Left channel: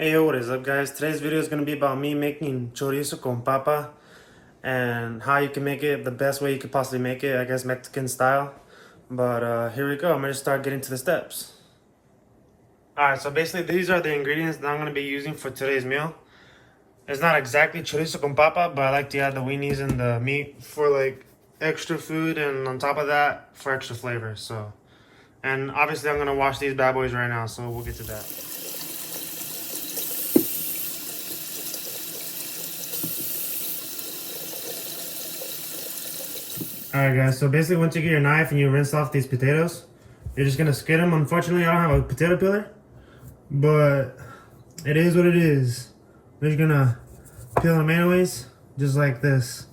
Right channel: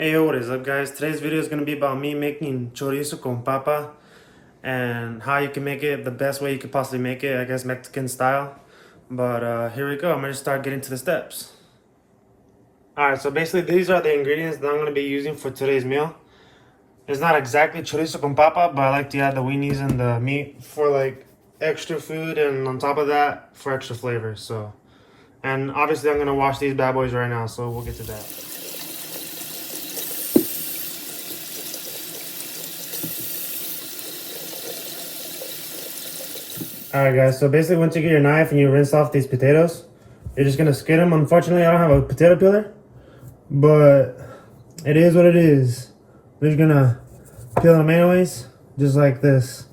Hey, yo, what is up, guys? Today's video is going to be about me making chorizo con papa and how you can make it the best way you could possibly make it, I guess Mexican style. But here we go. I'm going to start getting to the steps. Alright, so basically these are the ingredients that I'm going to be using for today's meal. It's not exactly chorizo con papa, but I like to add the weenies and the meat for like extra food, and on top of that for extra flavor. So, and obviously I'm going to wash these bad boys right now, so we'll get to that. Alright guys, so basically once you get your knife and you rinse off these potatoes, you're just gonna skin them. Unfortunately, I don't have a potato peeler, but it is what it is. We're just gonna peel them anyways, just like this.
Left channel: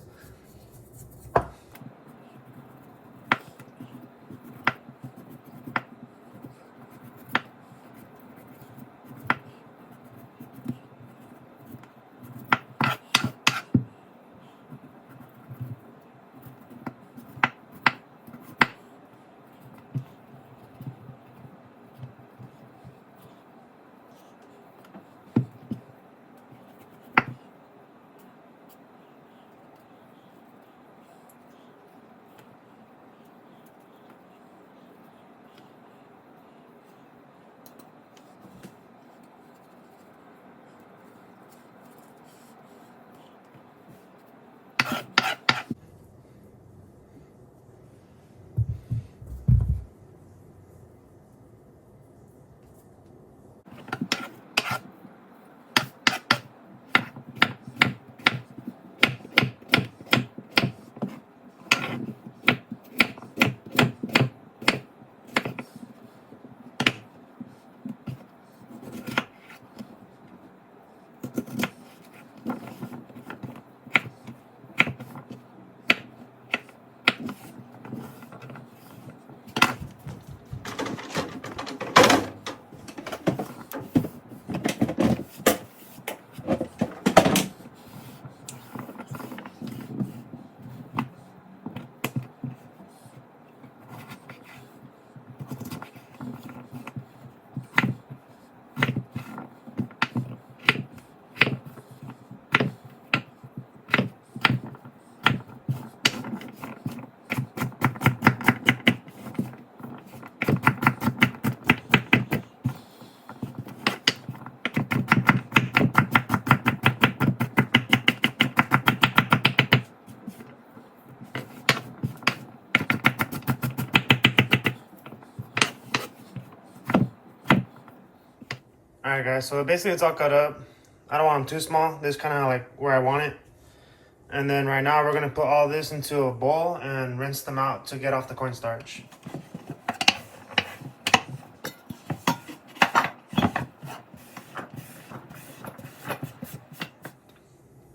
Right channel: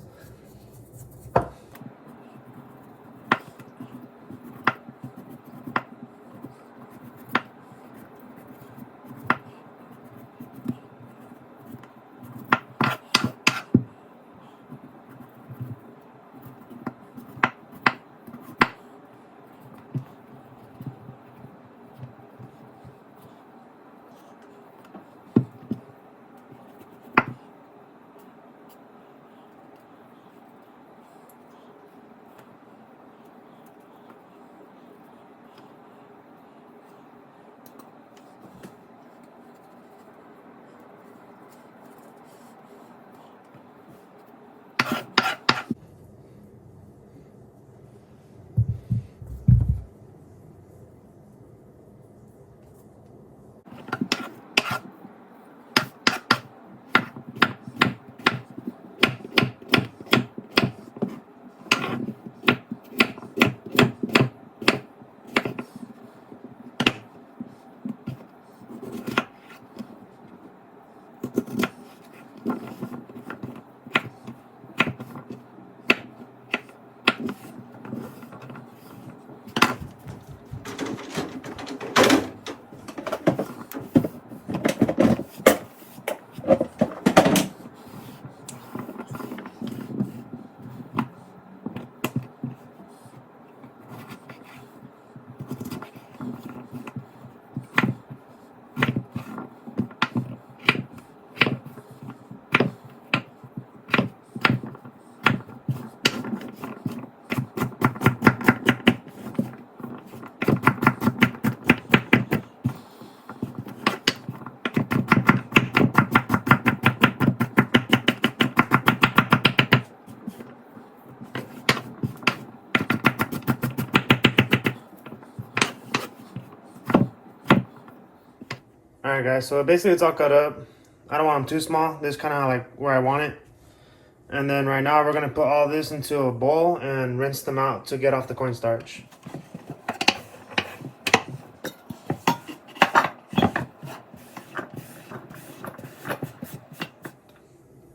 Alright guys, so basically it's all cut up. I don't want them too small. This is kind of like where I want it. And then right now we're going to put all this into a bowl and rinse them out to get off the cornstarch.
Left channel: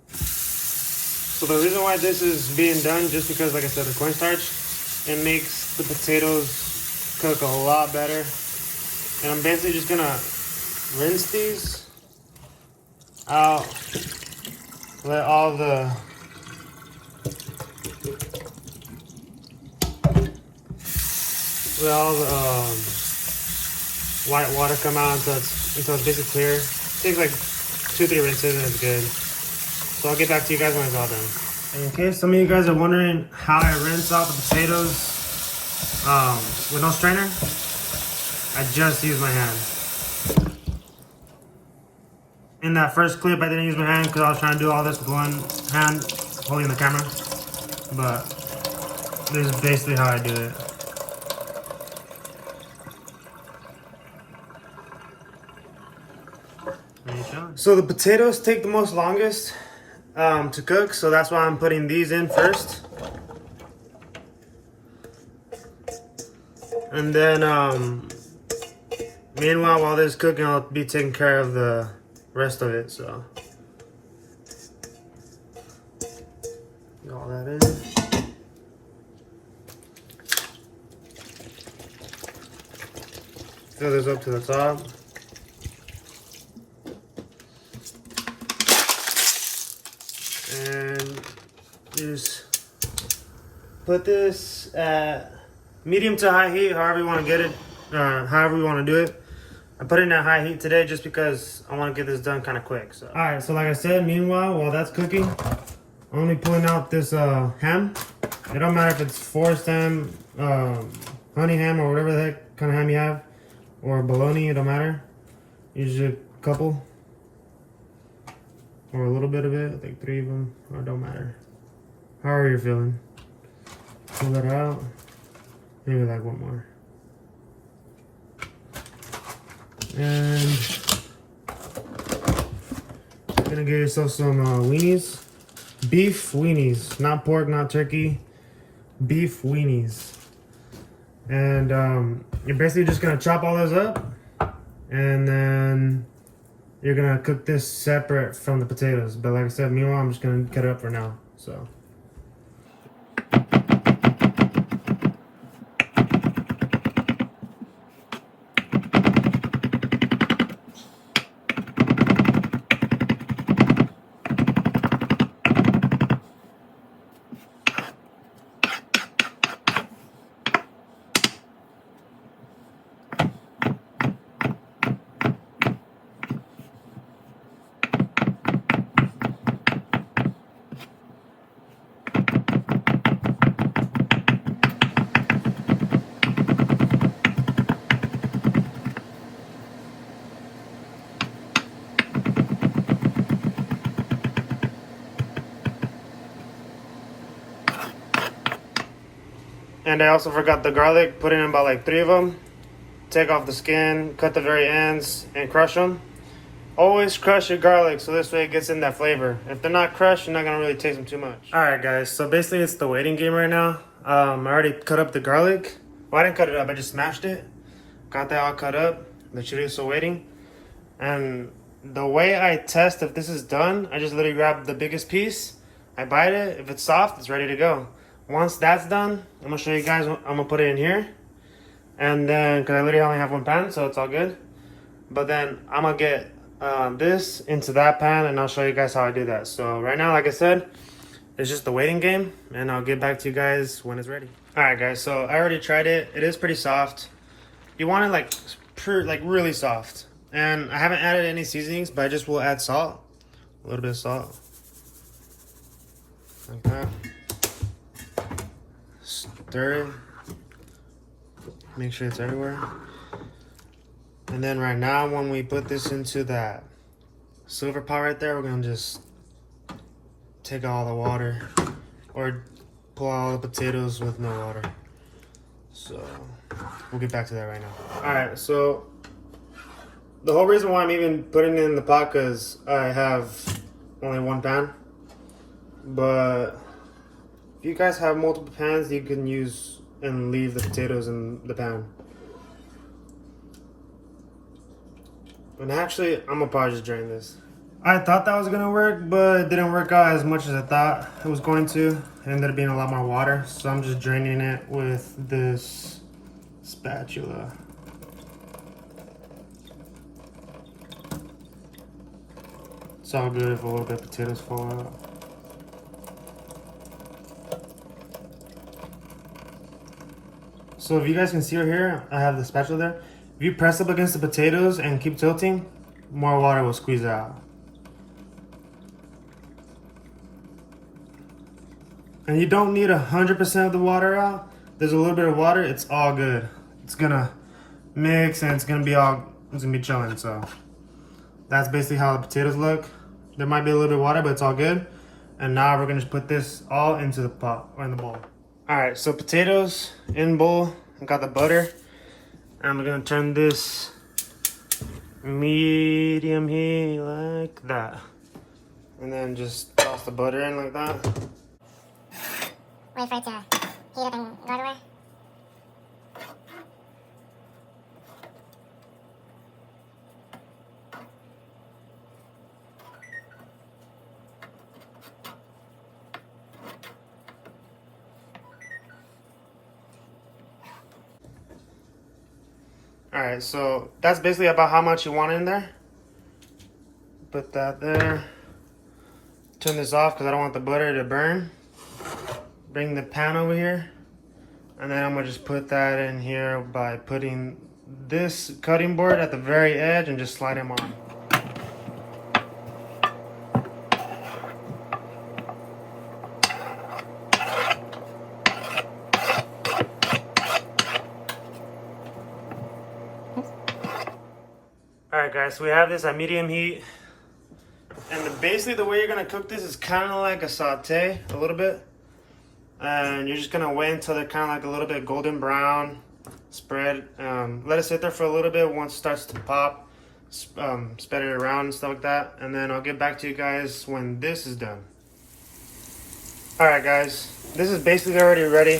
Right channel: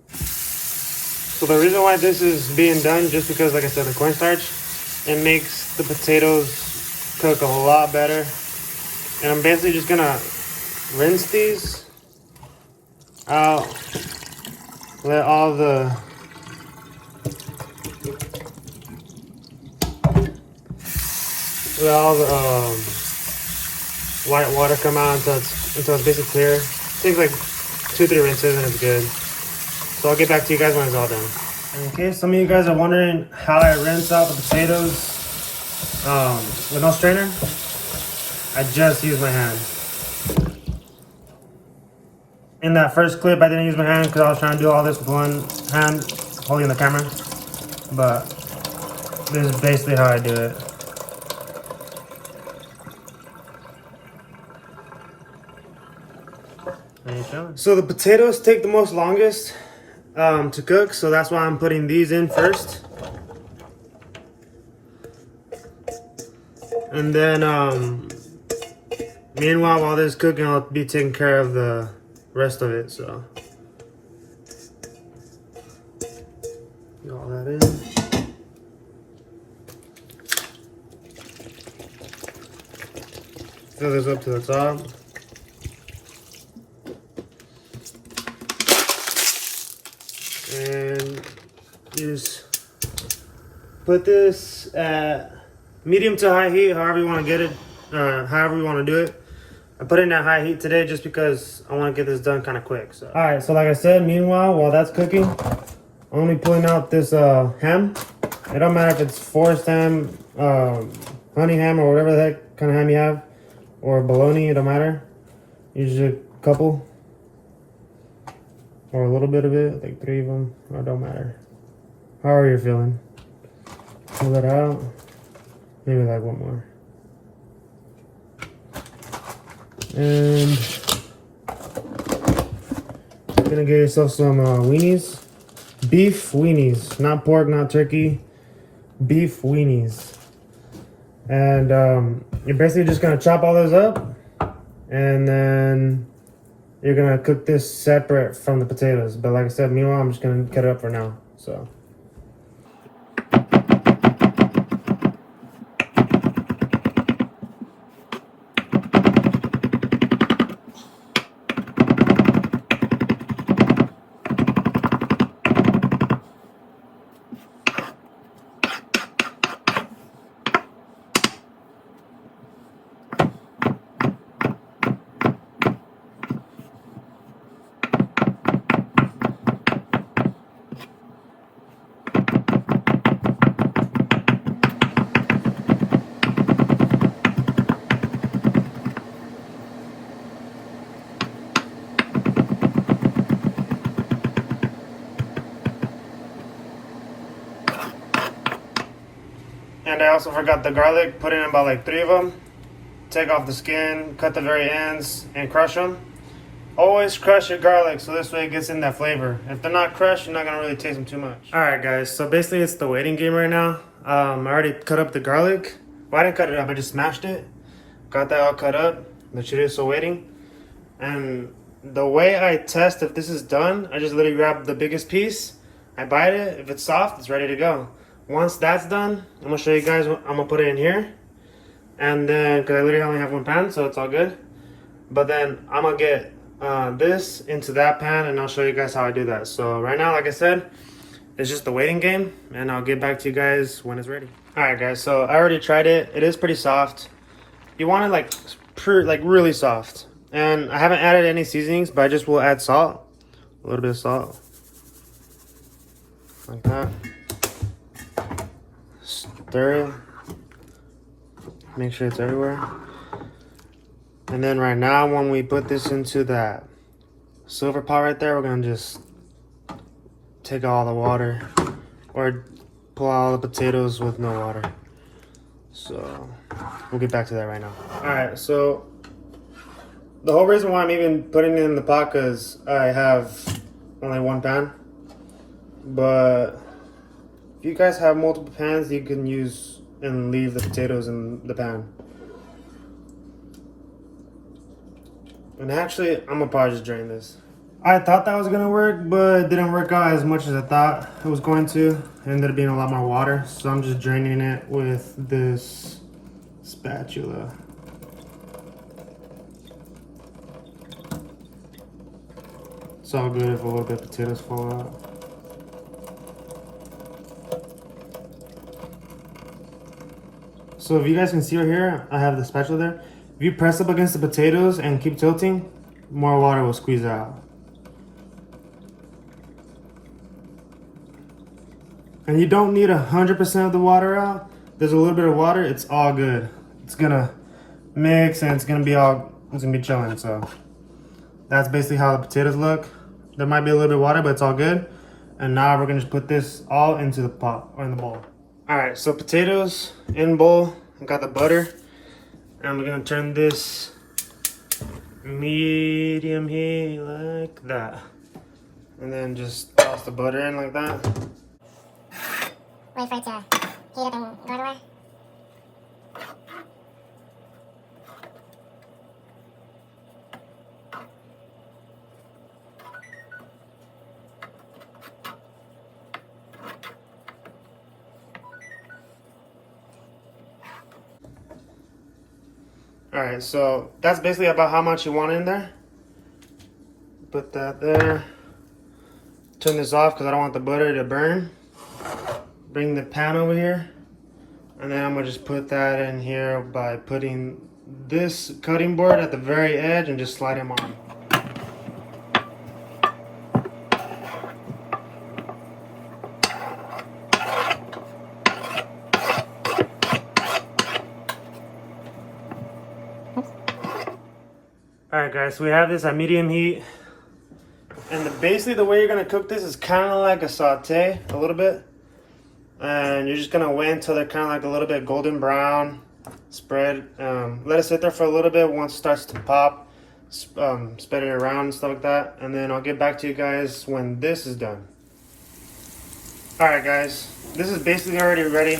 So the reason why this is being done, just because like I said, the cornstarch, it makes the potatoes cook a lot better. And I'm basically just going to rinse these out, let all the white water come out until it's basically clear. Takes like 2-3 rinses and it's good. So I'll get back to you guys when it's all done. Okay, some of you guys are wondering how I rinse out the potatoes with no strainer. I just use my hand. In that first clip, I didn't use my hand because I was trying to do all this with one hand, holding the camera. But this is basically how I do it. So the potatoes take the most longest to cook, so that's why I'm putting these in first. And then, meanwhile, while this is cooking, I'll be taking care of the rest of it, so. Get all that in. Fill this up to the top. And just put this at medium to high heat, however you want to get it, however you want to do it. I put putting it at high heat today just because I want to get this done kind of quick. So. All right, so like I said, meanwhile, while that's cooking, I'm only pulling out this ham. It don't matter if it's forest ham, honey ham, or whatever the heck kind of ham you have, or bologna, it don't matter. Usually a couple, or a little bit of it, like 3 of them, it don't matter. However you're feeling. Pull it out, maybe like 1 more. And you're gonna get yourself some weenies. Beef weenies, not pork, not turkey. Beef weenies. And you're basically just gonna chop all those up. And then you're gonna cook this separate from the potatoes. But like I said, meanwhile, I'm just gonna cut it up for now, so. And I also forgot the garlic, put in about like 3 of them. Take off the skin, cut the very ends, and crush them. Always crush your garlic so this way it gets in that flavor. If they're not crushed, you're not gonna really taste them too much. Alright guys, so basically it's the waiting game right now. I already cut up the garlic. Well, I didn't cut it up, I just smashed it. Got that all cut up. The chorizo waiting. And the way I test if this is done, I just literally grab the biggest piece. I bite it. If it's soft, it's ready to go. Once that's done, I'm gonna show you guys what I'm gonna put it in here. And then, because I literally only have 1 pan, so it's all good. But then I'm gonna get this into that pan and I'll show you guys how I do that. So right now, like I said, it's just the waiting game and I'll get back to you guys when it's ready. All right guys, so I already tried it. It is pretty soft. You want it like really soft. And I haven't added any seasonings, but I just will add salt. A little bit of salt. Like that. Stir it. Make sure it's everywhere. And then right now, when we put this into that silver pot right there, we're gonna just take all the water or pull out all the potatoes with no water. So we'll get back to that right now. All right, so the whole reason why I'm even putting it in the pot because I have only 1 pan. But if you guys have multiple pans, you can use and leave the potatoes in the pan. And actually, I'm gonna probably just drain this. I thought that was gonna work, but it didn't work out as much as I thought it was going to. It ended up being a lot more water, so I'm just draining it with this spatula. It's all good if a little bit of potatoes fall out. So if you guys can see right here, I have the spatula there. If you press up against the potatoes and keep tilting, more water will squeeze out. And you don't need 100% of the water out. There's a little bit of water, it's all good. It's gonna mix and it's gonna be chilling, so. That's basically how the potatoes look. There might be a little bit of water, but it's all good. And now we're gonna just put this all into the pot, or in the bowl. All right, so potatoes in bowl. I got the butter. And I'm gonna turn this medium heat like that. And then just toss the butter in like that. Wait for it to heat up and go everywhere. Alright, so that's basically about how much you want in there. Put that there. Turn this off because I don't want the butter to burn. Bring the pan over here. And then I'm going to just put that in here by putting this cutting board at the very edge and just slide them on. Alright guys, so we have this at medium heat. And basically the way you're gonna cook this is kind of like a saute, a little bit. And you're just gonna wait until they're kind of like a little bit golden brown. Spread, let it sit there for a little bit. Once it starts to pop, spread it around and stuff like that. And then I'll get back to you guys when this is done. Alright guys, this is basically already ready.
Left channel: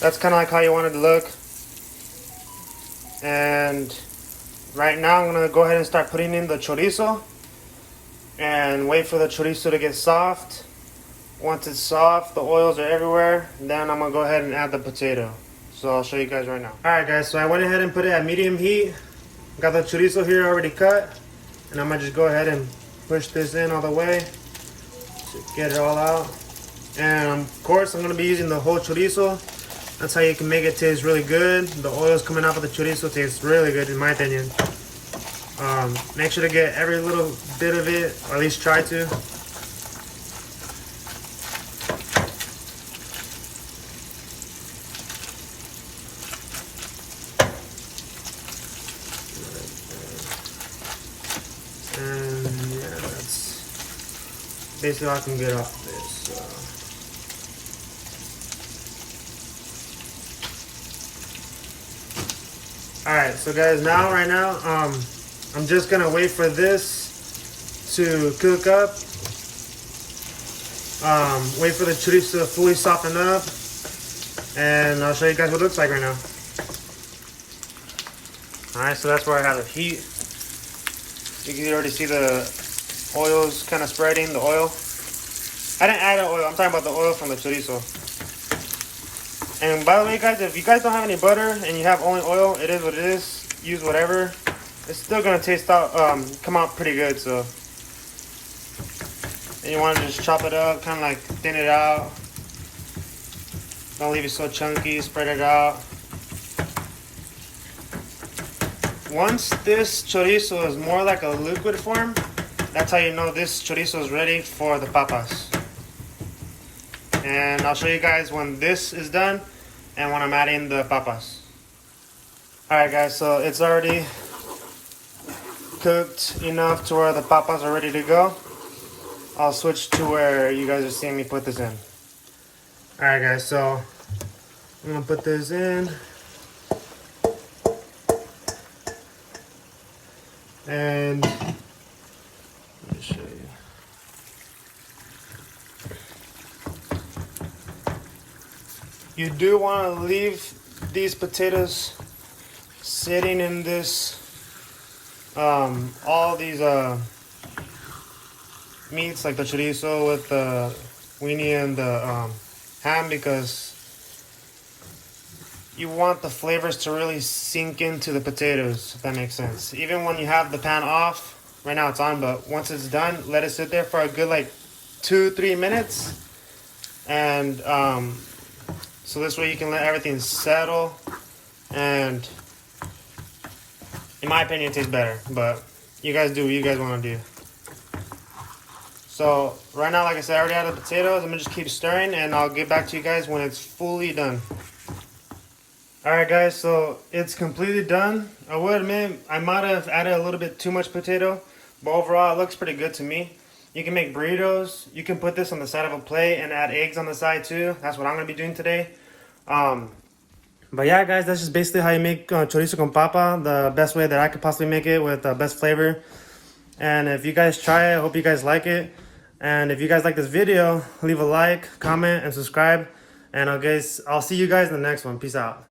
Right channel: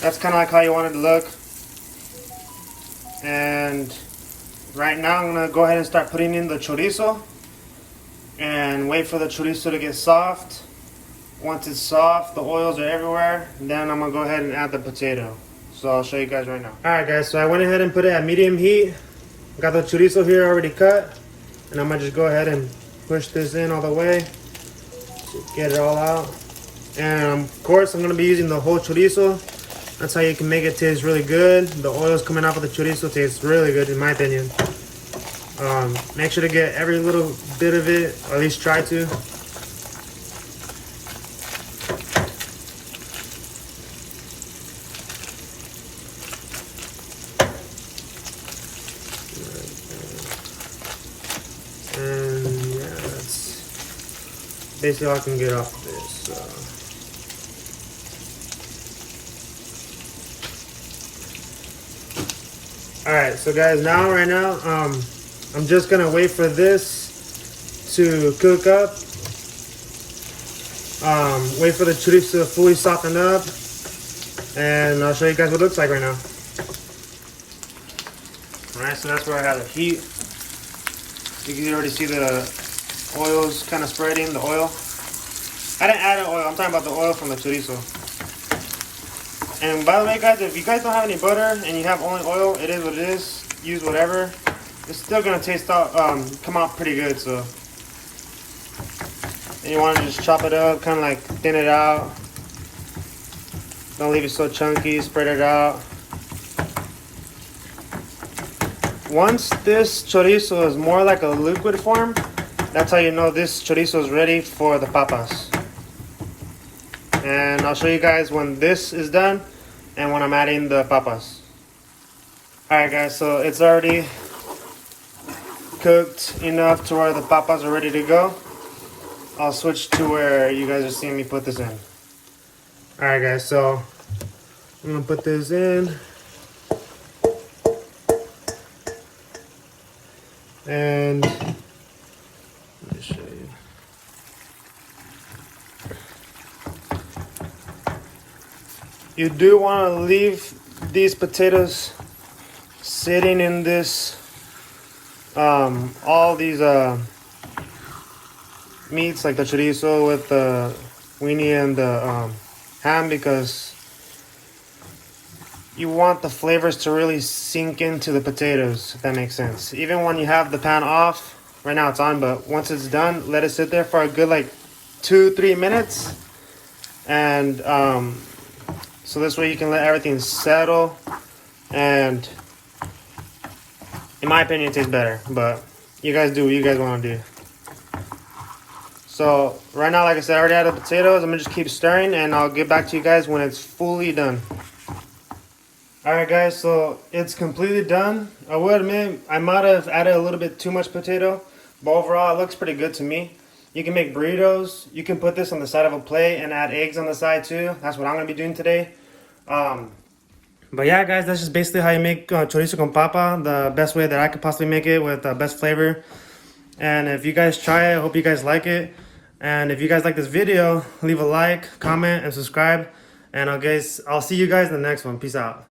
That's kind of like how you want it to look. And right now I'm gonna go ahead and start putting in the chorizo and wait for the chorizo to get soft. Once it's soft, the oils are everywhere, then I'm gonna go ahead and add the potato. So I'll show you guys right now. Alright guys, so I went ahead and put it at medium heat. Got the chorizo here already cut. And I'm gonna just go ahead and push this in all the way to get it all out. And of course I'm gonna be using the whole chorizo. That's how you can make it taste really good. The oils coming off of the chorizo tastes really good in my opinion. Make sure to get every little bit of it, or at least try to. And yeah, that's basically all I can get off of this. Alright, so guys, right now, I'm just gonna wait for this to cook up. Wait for the chorizo to fully soften up. And I'll show you guys what it looks like right now. Alright, so that's where I have the heat. You can already see the oils kind of spreading, the oil. I didn't add the oil, I'm talking about the oil from the chorizo. And by the way guys, if you guys don't have any butter and you have only oil, it is what it is. Use whatever. It's still gonna come out pretty good, so. And you wanna just chop it up, kinda like thin it out. Don't leave it so chunky, spread it out. Once this chorizo is more like a liquid form, that's how you know this chorizo is ready for the papas. And I'll show you guys when this is done and when I'm adding the papas. Alright guys, so it's already cooked enough to where the papas are ready to go. I'll switch to where you guys are seeing me put this in. Alright guys, so I'm gonna put this in. And let me show you. You do want to leave these potatoes sitting in this, all these meats like the chorizo with the weenie and the ham, because you want the flavors to really sink into the potatoes, if that makes sense. Even when you have the pan off, right now it's on, but once it's done, let it sit there for a good like 2-3 minutes. And so this way you can let everything settle, and in my opinion it tastes better, but you guys do what you guys want to do. So right now, like I said, I already added the potatoes. I'm gonna just keep stirring and I'll get back to you guys when it's fully done. Alright guys, so it's completely done. I will admit I might have added a little bit too much potato, but overall it looks pretty good to me. You can make burritos. You can put this on the side of a plate and add eggs on the side too. That's what I'm going to be doing today. But yeah guys, that's just basically how you make chorizo con papa. The best way that I could possibly make it with the best flavor. And if you guys try it, I hope you guys like it. And if you guys like this video, leave a like, comment, and subscribe. And I'll see you guys in the next one. Peace out.